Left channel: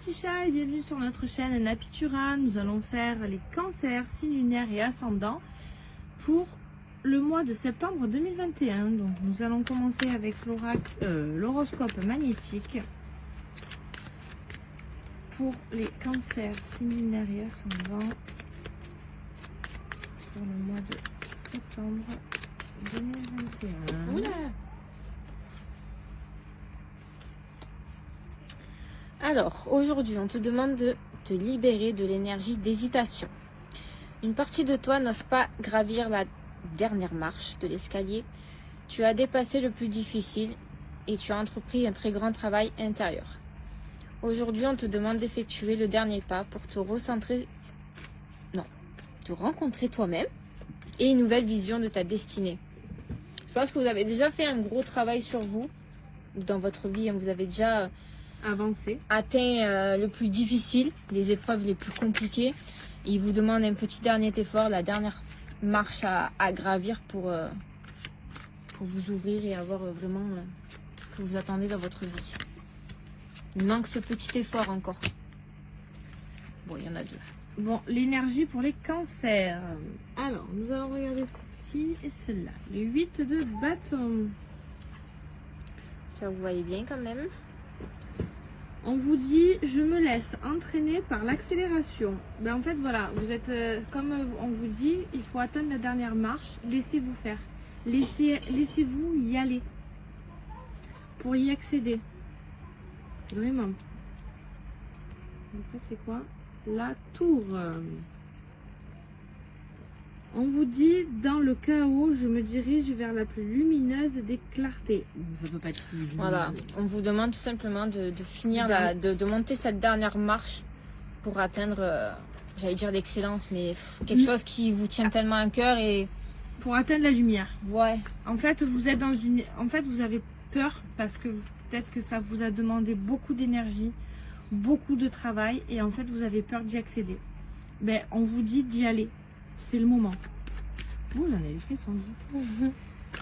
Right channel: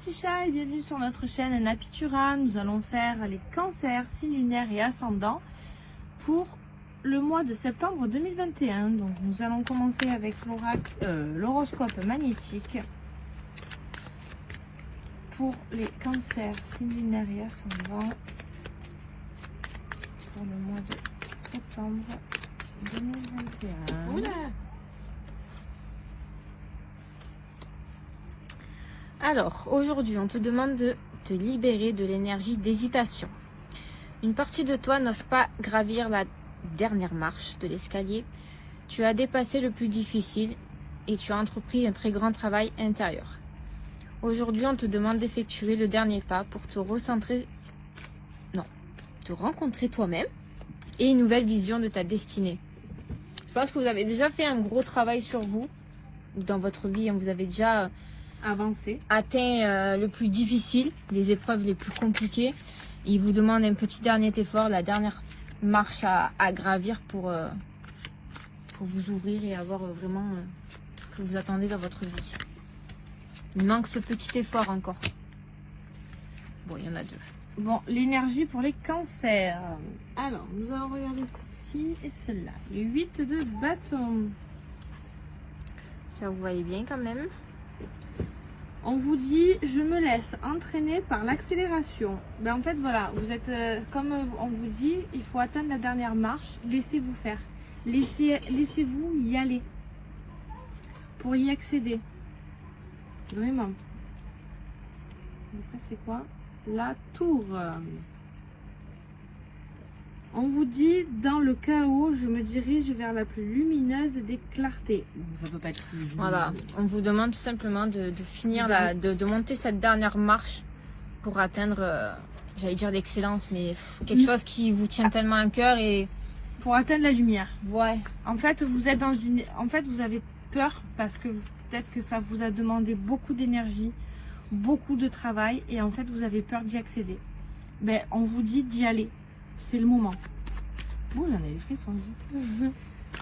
petits chats et bienvenue sur notre chaîne Napitura. Nous allons faire les cancers, signes lunaires et ascendants pour le mois de septembre 2021. Donc nous allons commencer avec l'horoscope magnétique pour les cancers, signes lunaires et ascendants pour le mois de septembre 2021. Oula. Alors, aujourd'hui, on te demande de te libérer de l'énergie d'hésitation. Une partie de toi n'ose pas gravir la dernière marche de l'escalier. Tu as dépassé le plus difficile et tu as entrepris un très grand travail intérieur. Aujourd'hui, on te demande d'effectuer le dernier pas pour te rencontrer toi-même et une nouvelle vision de ta destinée. Je pense que vous avez déjà fait un gros travail sur vous dans votre vie. Vous avez déjà atteint le plus difficile, les épreuves les plus compliquées. Il vous demande un petit dernier effort, la dernière marche à gravir pour vous ouvrir et avoir vraiment ce que vous attendez dans votre vie. Il manque ce petit effort encore. Bon, il y en a deux. Bon, l'énergie pour les cancers. Alors, nous allons regarder ceci et cela. Le 8 de bâton. Vous voyez bien quand même. On vous dit, je me laisse entraîner par l'accélération. Ben en fait, voilà, vous êtes, comme on vous dit, il faut atteindre la dernière marche. Laissez-vous faire. Laissez-vous y aller. Pour y accéder. Vraiment. Donc ça, c'est quoi? La tour. On vous dit, dans le chaos, je me dirige vers la plus lumineuse des clartés. Ça peut pas être plus. Voilà, on vous demande tout simplement de finir, de monter cette dernière marche pour atteindre, j'allais dire l'excellence, mais quelque chose qui vous tient tellement à cœur et... Pour atteindre la lumière. Ouais. En fait, vous êtes dans une... En fait, vous avez peur parce que peut-être que ça vous a demandé beaucoup d'énergie, beaucoup de travail et en fait, vous avez peur d'y accéder. Ben, on vous dit d'y aller. C'est le moment. Oh, j'en ai eu frissons.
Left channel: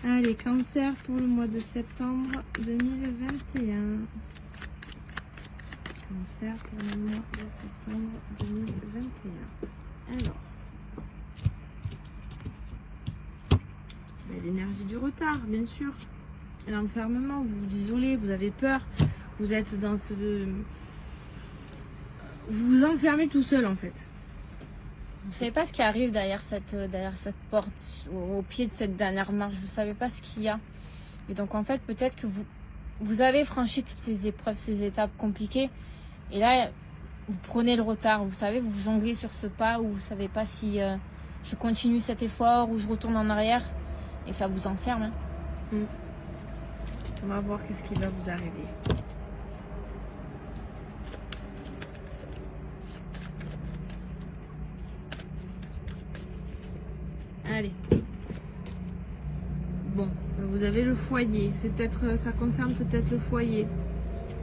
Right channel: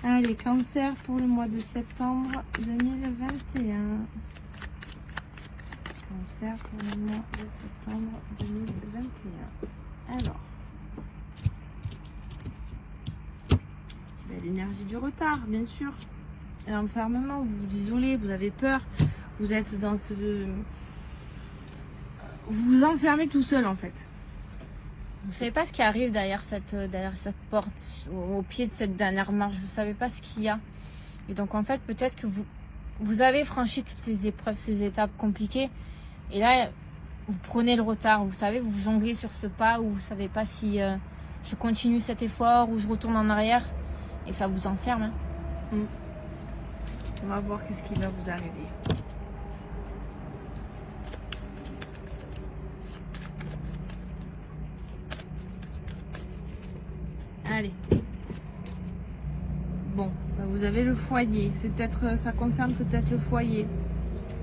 Allez, cancer pour le mois de septembre 2021. Cancer pour le mois de septembre 2021. Alors. Ben, l'énergie du retard, bien sûr. L'enfermement, vous vous isolez, vous avez peur. Vous êtes dans ce... Vous vous enfermez tout seul, en fait. Vous ne savez pas ce qui arrive derrière cette porte, au pied de cette dernière marche. Vous ne savez pas ce qu'il y a. Et donc, en fait, peut-être que vous avez franchi toutes ces épreuves, ces étapes compliquées. Et là, vous prenez le retard. Vous savez, vous jonglez sur ce pas où vous ne savez pas si je continue cet effort ou je retourne en arrière. Et ça vous enferme. Hein. On va voir qu'est-ce qui va vous arriver. Allez. Bon, vous avez le foyer. C'est peut-être, ça concerne peut-être le foyer.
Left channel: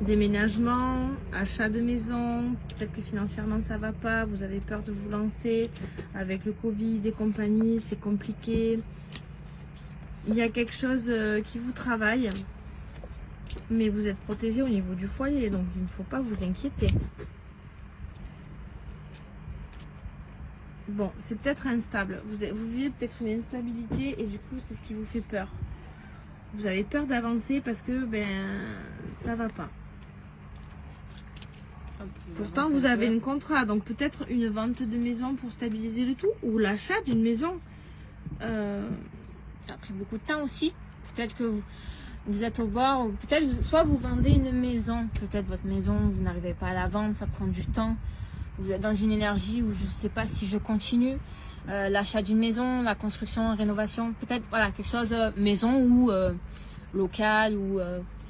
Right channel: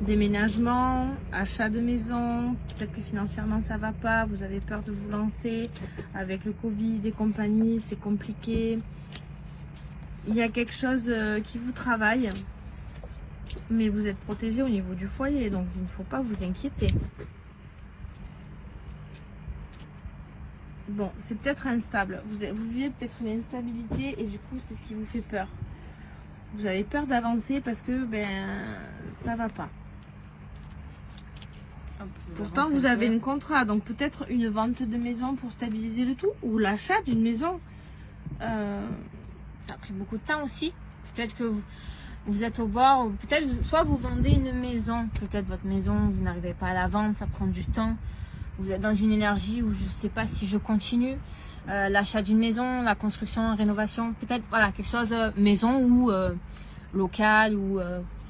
Déménagement, achat de maison. Peut-être que financièrement ça va pas. Vous avez peur de vous lancer avec le Covid et compagnie. C'est compliqué. Il y a quelque chose qui vous travaille, mais vous êtes protégé au niveau du foyer, donc il ne faut pas vous inquiéter. Bon, c'est peut-être instable. Vous vivez peut-être une instabilité et du coup, c'est ce qui vous fait peur. Vous avez peur d'avancer parce que ça va pas. Pourtant, vous avez un contrat, donc peut-être une vente de maison pour stabiliser le tout ou l'achat d'une maison. Ça a pris beaucoup de temps aussi. Peut-être que vous êtes au bord, ou peut-être soit vous vendez une maison, peut-être votre maison, vous n'arrivez pas à la vendre, ça prend du temps. Vous êtes dans une énergie où je ne sais pas si je continue. L'achat d'une maison, la construction, la rénovation, peut-être voilà, quelque chose maison ou local ou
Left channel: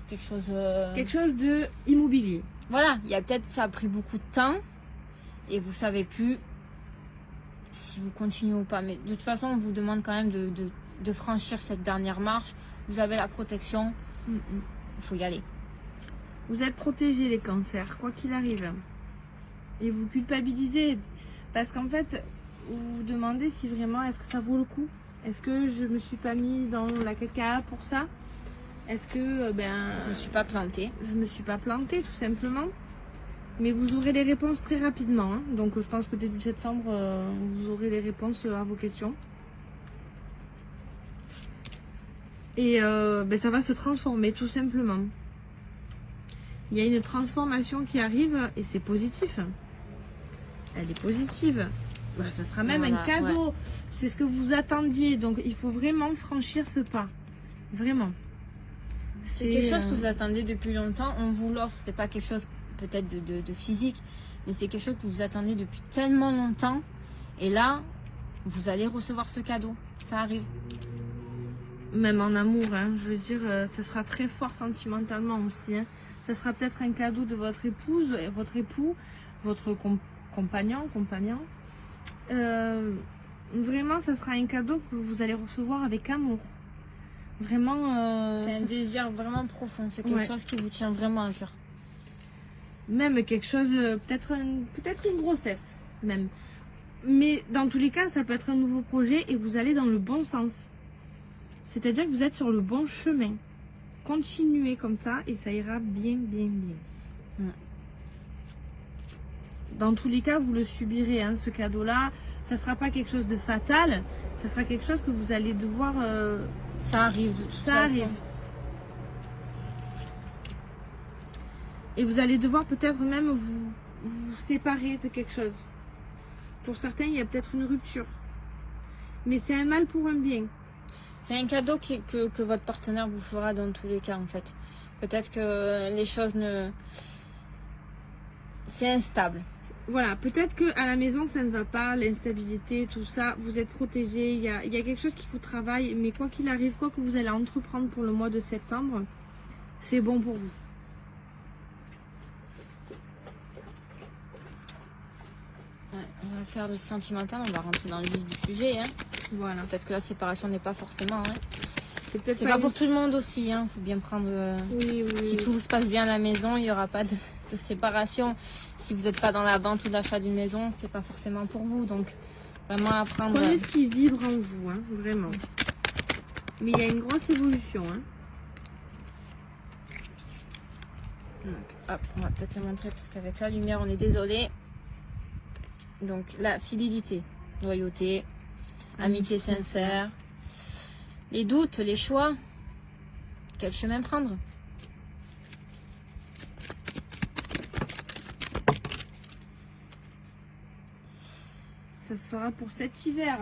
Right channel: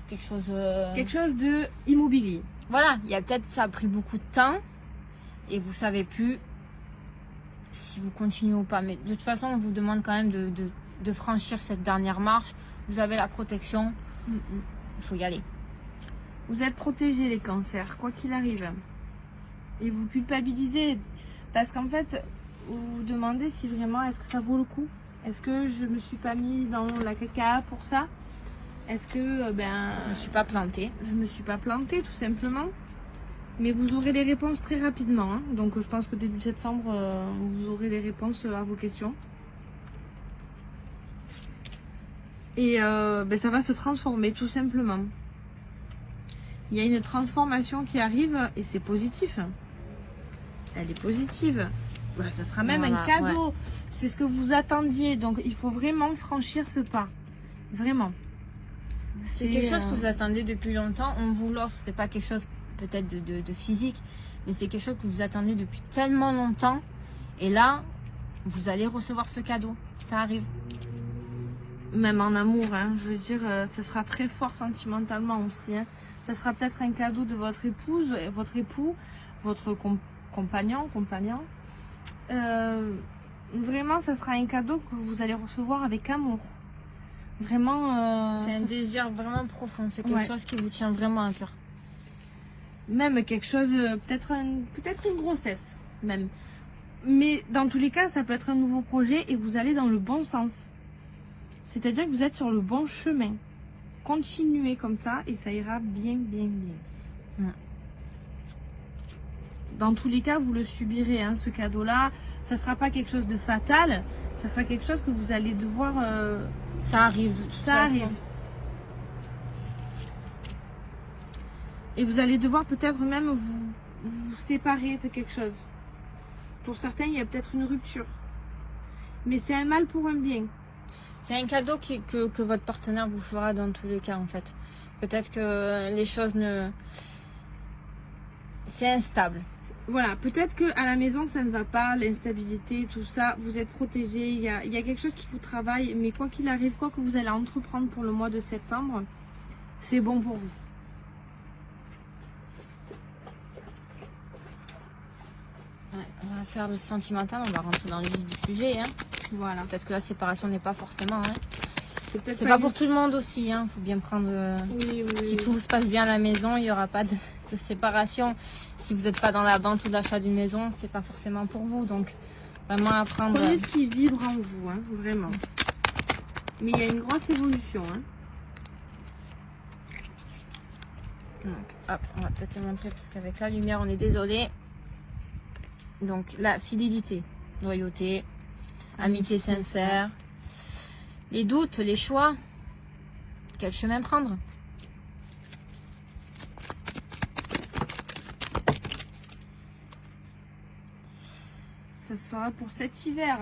quelque chose... Quelque chose de immobilier. Voilà, il y a peut-être ça a pris beaucoup de temps et vous ne savez plus si vous continuez ou pas. Mais de toute façon, on vous demande quand même de franchir cette dernière marche. Vous avez la protection, il faut y aller. Vous êtes protégés les cancers, quoi qu'il arrive. Et vous culpabilisez parce qu'en fait, vous vous demandez si vraiment est-ce que ça vaut le coup. Est-ce que je me suis pas mis dans la caca pour ça? Est-ce que je ne me suis pas plantée? Je me suis pas plantée tout simplement. Mais vous aurez les réponses très rapidement. Hein. Donc je pense que début septembre, vous aurez les réponses à vos questions. Et ça va se transformer tout simplement. Il y a une transformation qui arrive et c'est positif. Elle est positive. Ça sera même un cadeau. Ouais. C'est ce que vous attendiez. Donc il faut vraiment franchir ce pas. Vraiment. C'est quelque chose que vous attendez depuis longtemps. On vous l'offre. C'est pas quelque chose peut-être de physique. Mais c'est quelque chose que vous attendez depuis tellement longtemps. Et là, vous allez recevoir ce cadeau. Ça arrive. Même en amour. Hein, je veux dire, ça sera très fort sentimentalement aussi. Hein. Ça sera peut-être un cadeau de votre épouse, votre époux, votre compagnon. Vraiment, ça sera un cadeau que vous allez recevoir avec amour. Vraiment. C'est un désir vraiment profond. C'est quelque chose qui vous tient vraiment à cœur. Même quelque chose, peut-être une grossesse, même. Mais dans tous les cas, ça peut être un nouveau projet et vous allez dans le bon sens. C'est-à-dire que vous êtes sur le bon chemin. Continuez comme ça et ça ira bien. Dans tous les cas, vous le subirez, hein, ce cadeau-là. Ça ne sera pas quelque chose de fatal. Ça sera quelque chose que vous allez devoir... Ça arrive. Ça arrive. Et vous allez devoir peut-être même vous séparer de quelque chose. Pour certains, il y a peut-être une rupture. Mais c'est un mal pour un bien. C'est un cadeau que votre partenaire vous fera dans tous les cas, en fait. Peut-être que les choses ne... C'est instable. Voilà, peut-être qu'à la maison, ça ne va pas, l'instabilité, tout ça, vous êtes protégé, il y a quelque chose qui vous travaille, mais quoi qu'il arrive, quoi que vous allez entreprendre pour le mois de septembre, c'est bon pour vous. On va faire le sentimental, on va rentrer dans le vif du sujet. Hein. Voilà. Peut-être que la séparation n'est pas forcément... Hein. C'est pas pour tout le monde aussi, hein. Faut bien prendre... Si tout se passe bien à la maison, il n'y aura pas de séparation. Si vous n'êtes pas dans la vente ou l'achat d'une maison, c'est pas forcément pour vous. Donc, vraiment apprendre... Prenez ce qui vibre en vous, hein, vraiment. Mais il y a une grosse évolution. Hein. Donc, on va peut-être le montrer parce qu'avec la lumière, on est désolé. Donc, la fidélité, loyauté, amitié sincère, les doutes, les choix, quel chemin prendre? Ce sera pour cet hiver.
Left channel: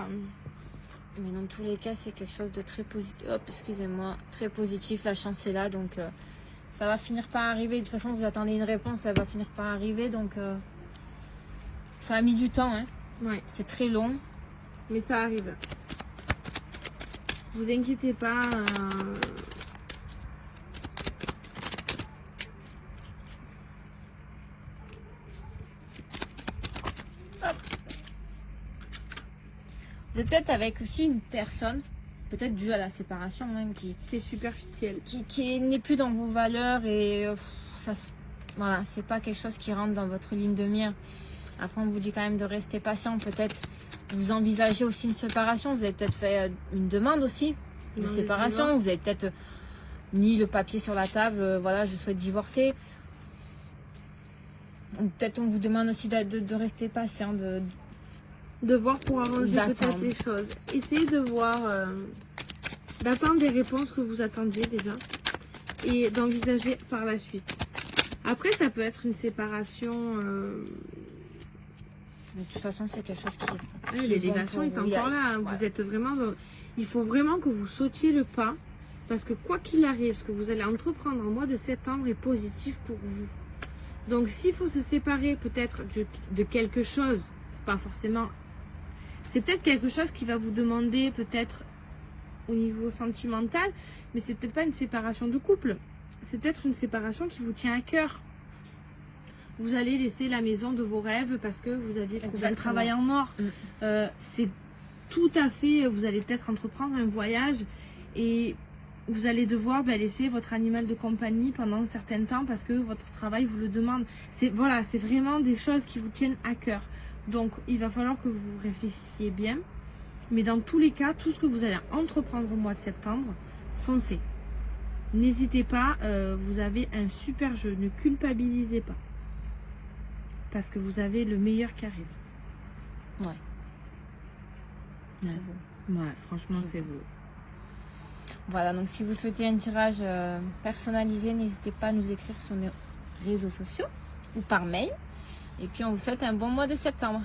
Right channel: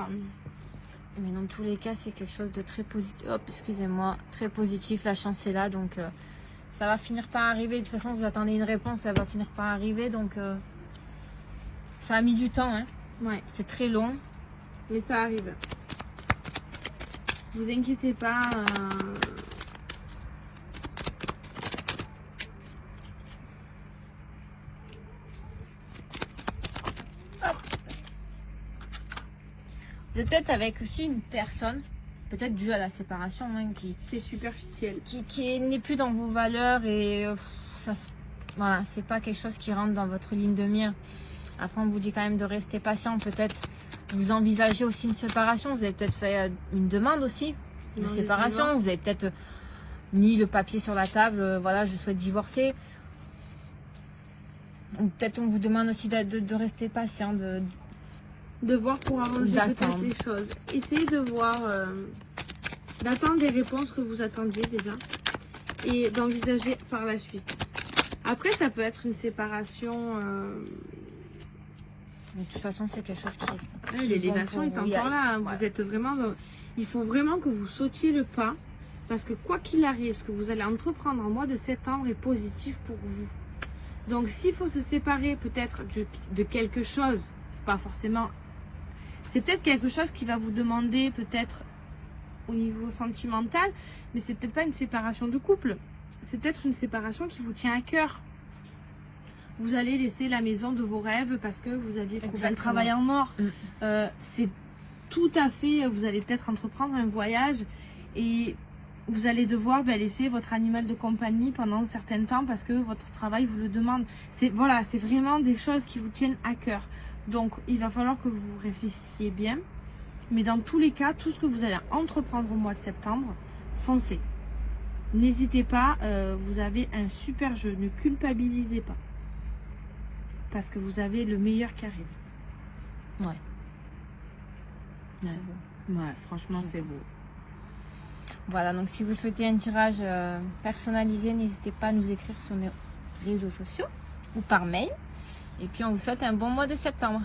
Mais dans tous les cas, c'est quelque chose de très positif. Hop, excusez-moi, très positif. La chance est là, donc ça va finir par arriver. De toute façon, vous attendez une réponse, ça va finir par arriver. Donc, ça a mis du temps, hein. Ouais. C'est très long. Mais ça arrive. Vous inquiétez pas. Vous êtes peut-être avec aussi une personne, peut-être due à la séparation, hein, qui est superficielle, qui n'est plus dans vos valeurs et voilà, c'est pas quelque chose qui rentre dans votre ligne de mire. Après, on vous dit quand même de rester patient. Peut-être vous envisagez aussi une séparation. Vous avez peut-être fait une demande aussi de séparation. Vous avez peut-être mis le papier sur la table. Voilà, je souhaite divorcer. Ou peut-être on vous demande aussi de rester patient, de voir pour arranger peut-être les choses. Essayez de voir, d'attendre des réponses que vous attendiez déjà et d'envisager par la suite. Après, ça peut être une séparation. Mais de toute façon, c'est quelque chose qui... Oui, l'élévation est encore là. Hein. Vous êtes vraiment... Il faut vraiment que vous sautiez le pas. Parce que quoi qu'il arrive, ce que vous allez entreprendre en mois de septembre est positif pour vous. Donc, s'il faut se séparer peut-être de quelque chose, pas forcément... C'est peut-être quelque chose qui va vous demander peut-être au niveau sentimental, mais c'est peut-être pas une séparation de couple. C'est peut-être une séparation qui vous tient à cœur. Vous allez laisser la maison de vos rêves parce que vous aviez trouvé un travail en or. C'est tout à fait, vous allez peut-être entreprendre un voyage et vous allez devoir laisser votre animal de compagnie pendant un certain temps parce que votre travail vous le demande. Voilà, c'est vraiment des choses qui vous tiennent à cœur. Donc, il va falloir que vous réfléchissiez bien. Mais dans tous les cas, tout ce que vous allez entreprendre au mois de septembre, foncez. N'hésitez pas, vous avez un super jeu, ne culpabilisez pas. parce que vous avez le meilleur qui arrive. Ouais. Ouais, franchement, c'est beau. Voilà, donc si vous souhaitez un tirage personnalisé, n'hésitez pas à nous écrire sur nos réseaux sociaux ou par mail. Et puis on vous souhaite un bon mois de septembre.